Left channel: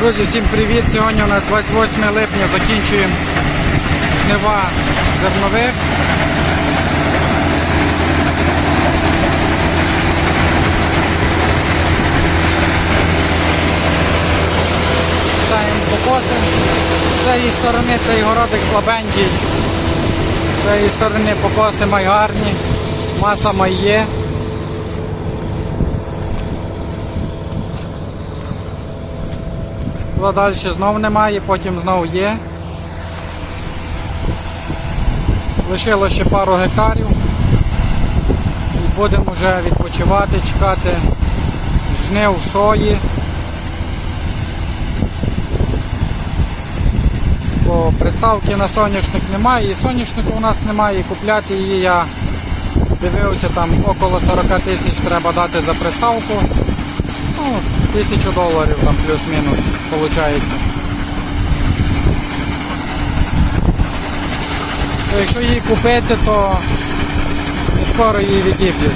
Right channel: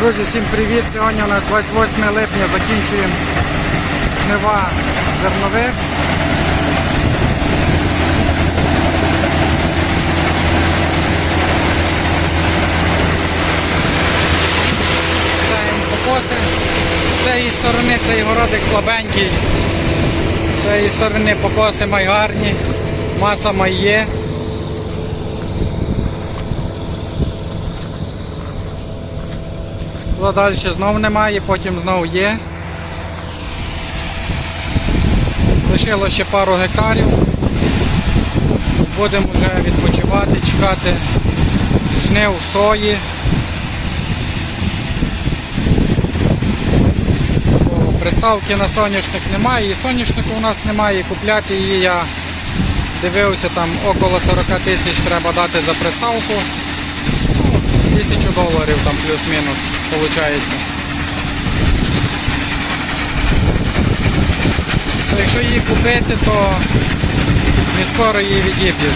Друзі, всім привіт! Сьогодні у нас 28 липня закінчуємо жнива зернових. Ставимо покоси. З цієї сторони цей городик слабенький. З цієї сторони покоси май гарні, маса май Туди далі знов немає, потім знов є. Лишило ще пару гектарів. Будемо вже відпочивати, чекати жнив сої. Бо приставки на соняшник немає, і соняшнику у нас немає, купляти її я дивився, там около 40 тисяч треба дати за приставку. Ну, тисячу доларів там плюс-мінус виходить. Якщо її купити, то не скоро її відіб'єш.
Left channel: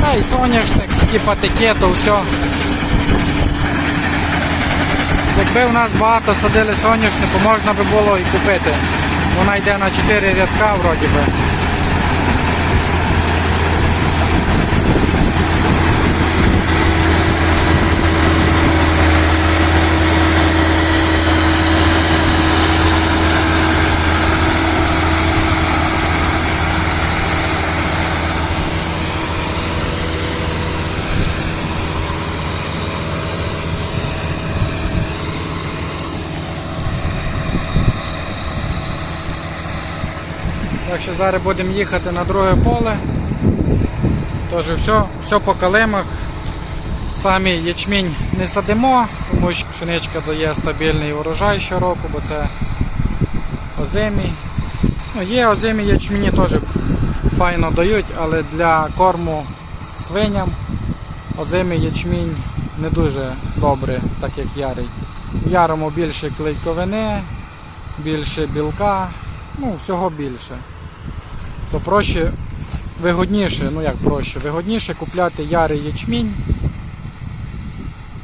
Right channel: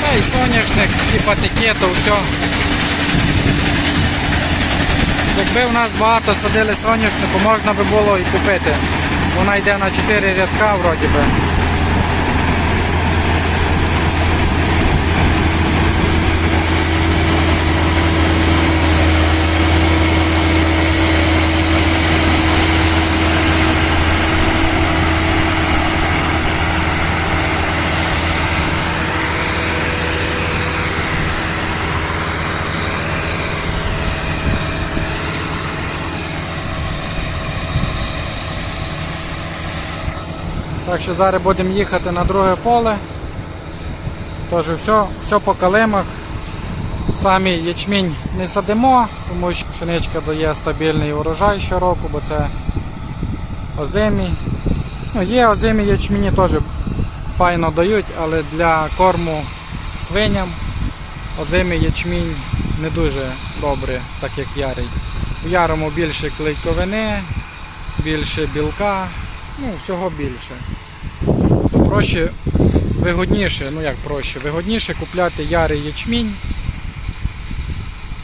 Та і соняшник, і патики, то все. Якби в нас багато садили соняшнику, можна би було і купити. Вона йде на 4 рядка вроді би. Так що зараз будемо їхати на друге поле. Тож все, все по калимах. Самі ячмінь не садимо, тому що пшеничка дає стабільний урожай щороку, бо це озимі. Ну, є озимі ячміні теж файно дають, але для корму свиням озимий ячмінь не дуже добре, так як ярий. У ярому більше клейковини, більше білка, ну всього більше. То проще, вигодніше, ну як проще, вигодніше купляти ярий ячмінь.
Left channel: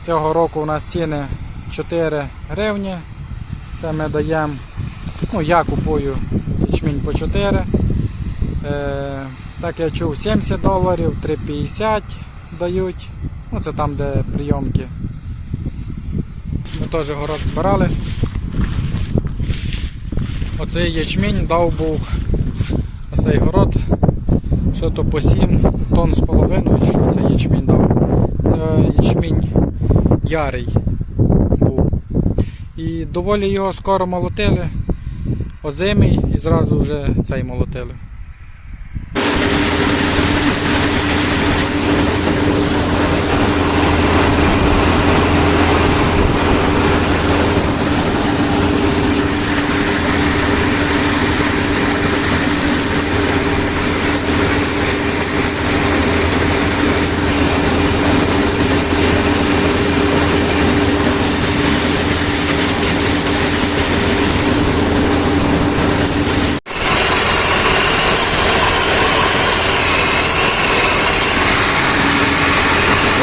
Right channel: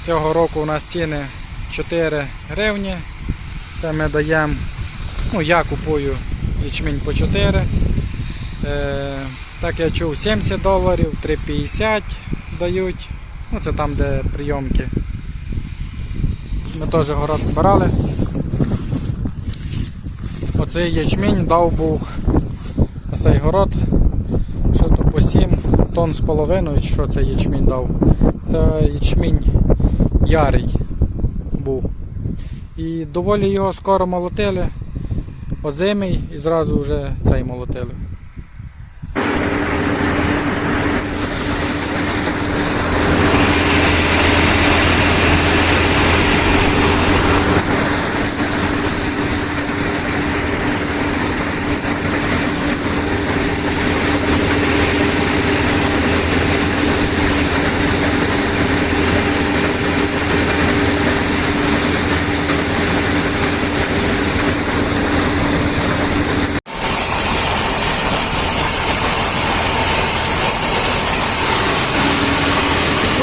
Цього року у нас ціни 4 гривні. Це ми даємо, ну я купую ячмінь по 4. Е, так я чув 70 доларів, 3,50 дають. Ну це там, де прийомки. Ми теж город збирали. Оцей ячмінь дав був на цей город. Що то по 7 тонн з половиною, що цей ячмінь дав. Це ячмінь ярий був. І доволі його скоро молотили, озимий і зразу вже цей молотили.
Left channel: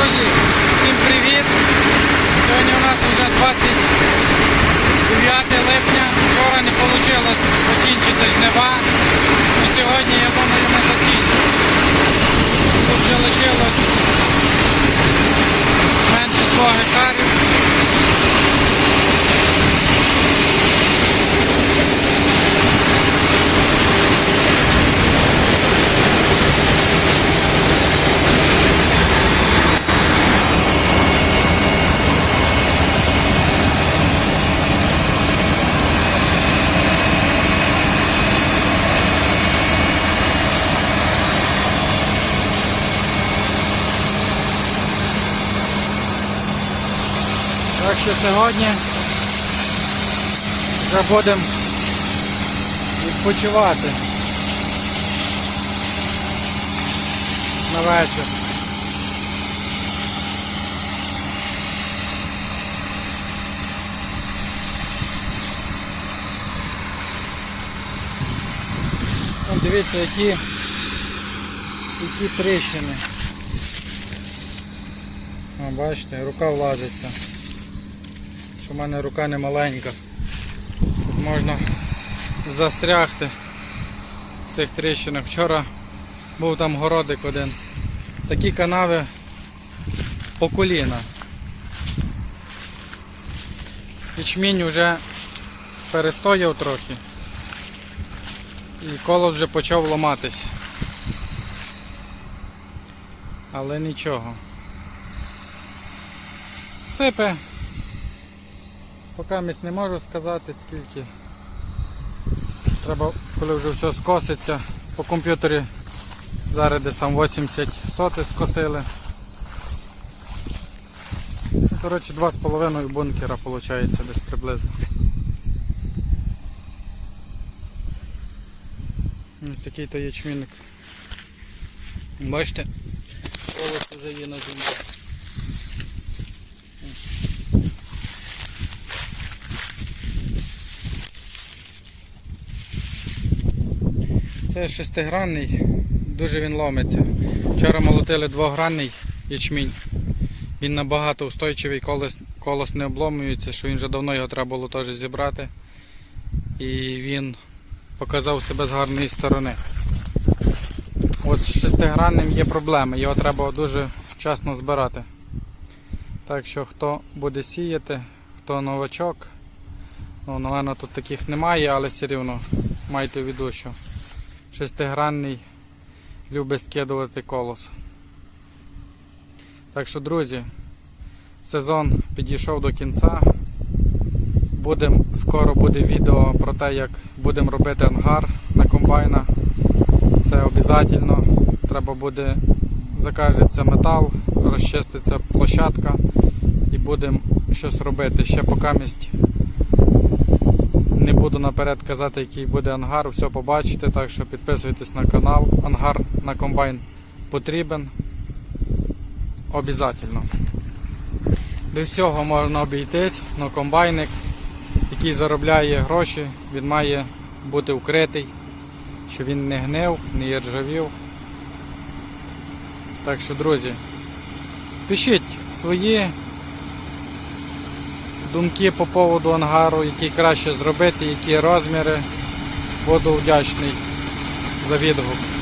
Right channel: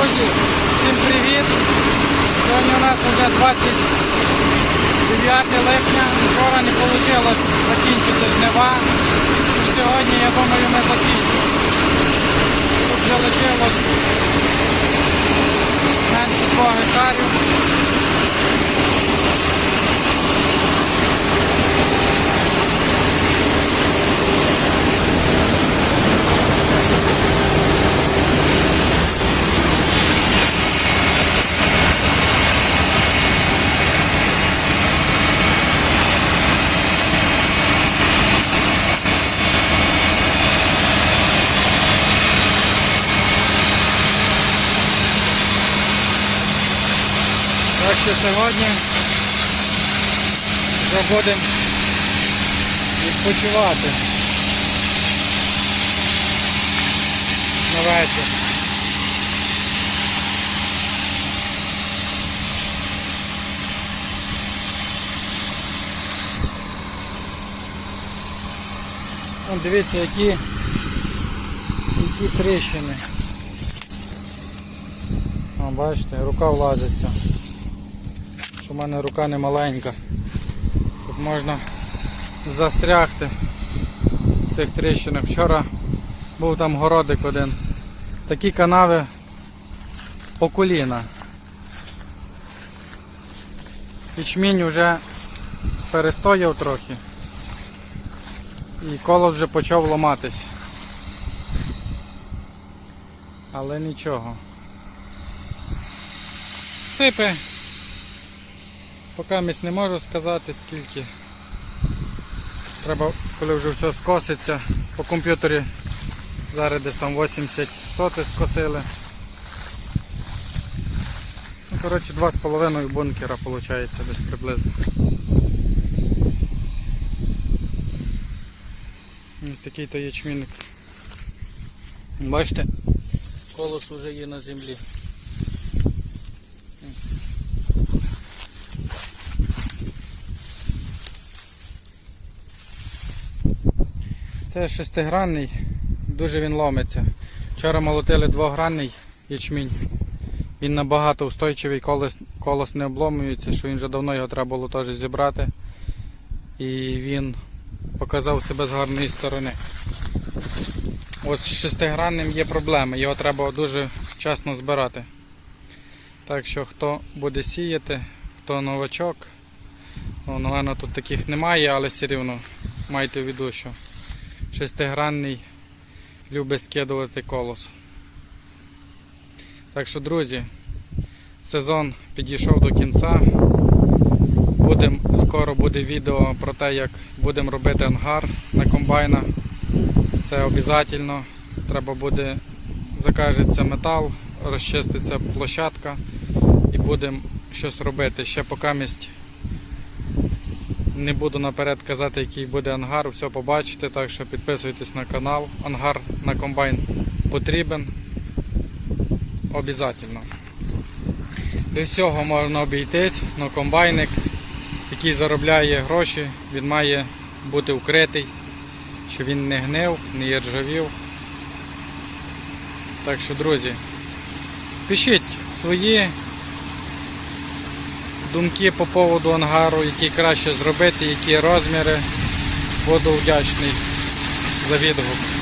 Друзі, всім привіт! Сьогодні у нас вже 29 липня. Вчора не вийшло закінчити жнива. І сьогодні, я думаю, ми закінчимо. Тут залишилось менше 2 гектарів. Так що сьогодні вже будемо відпочивати на вечір. Вон дивіться, які, які тріщини. Бачите, рука влазиться. Що в мене рука не маленька. Тут можна застрягти в цих тріщинах. Вчора був там городик один. Такі канави по коліна. Ячмінь вже перестояв трохи. І колос вже почав ламатись. Але нічого. Сипе. Поки місць не можу сказати скільки. Треба, коли вже все скоситься. По комп'ютері зараз десь там 80 соти скосили. Ну, коротше, 2,5 бункера виходить десь приблизно. Ось такий то ячмінник. Бачите, колос вже є на землі. Це шестигранний, дуже він ломиться. Вчора молотили двогранний ячмінь. Він набагато устойчивий, колос, колос не обломується, що він вже давно його треба було теж зібрати. І він показав себе з гарної сторони. От з шестигранним є проблеми, його треба дуже вчасно збирати. Так що хто буде сіяти, хто новачок, ну, на мене тут таких немає, але все рівно майте в виду, що шестигранний любить скидувати колос. Так що, друзі, сезон підійшов до кінця. Будем, скоро буде відео про те, як будемо робити ангар на комбайна. Це обов'язково. Треба буде закажеться метал, розчиститься площадка і будемо щось робити. Ще поки місць не буду наперед казати, який буде ангар, все побачите, так що підписуйтесь на канал. Ангар на комбайн потрібен. Обязательно. Без всього можна обійтись, але комбайник, який заробляє гроші, він має бути укритий, щоб він не гнив, не іржавів. Так що, друзі, пишіть свої думки по поводу ангару, які краще зробити, які розміри. Буду вдячний за відгук.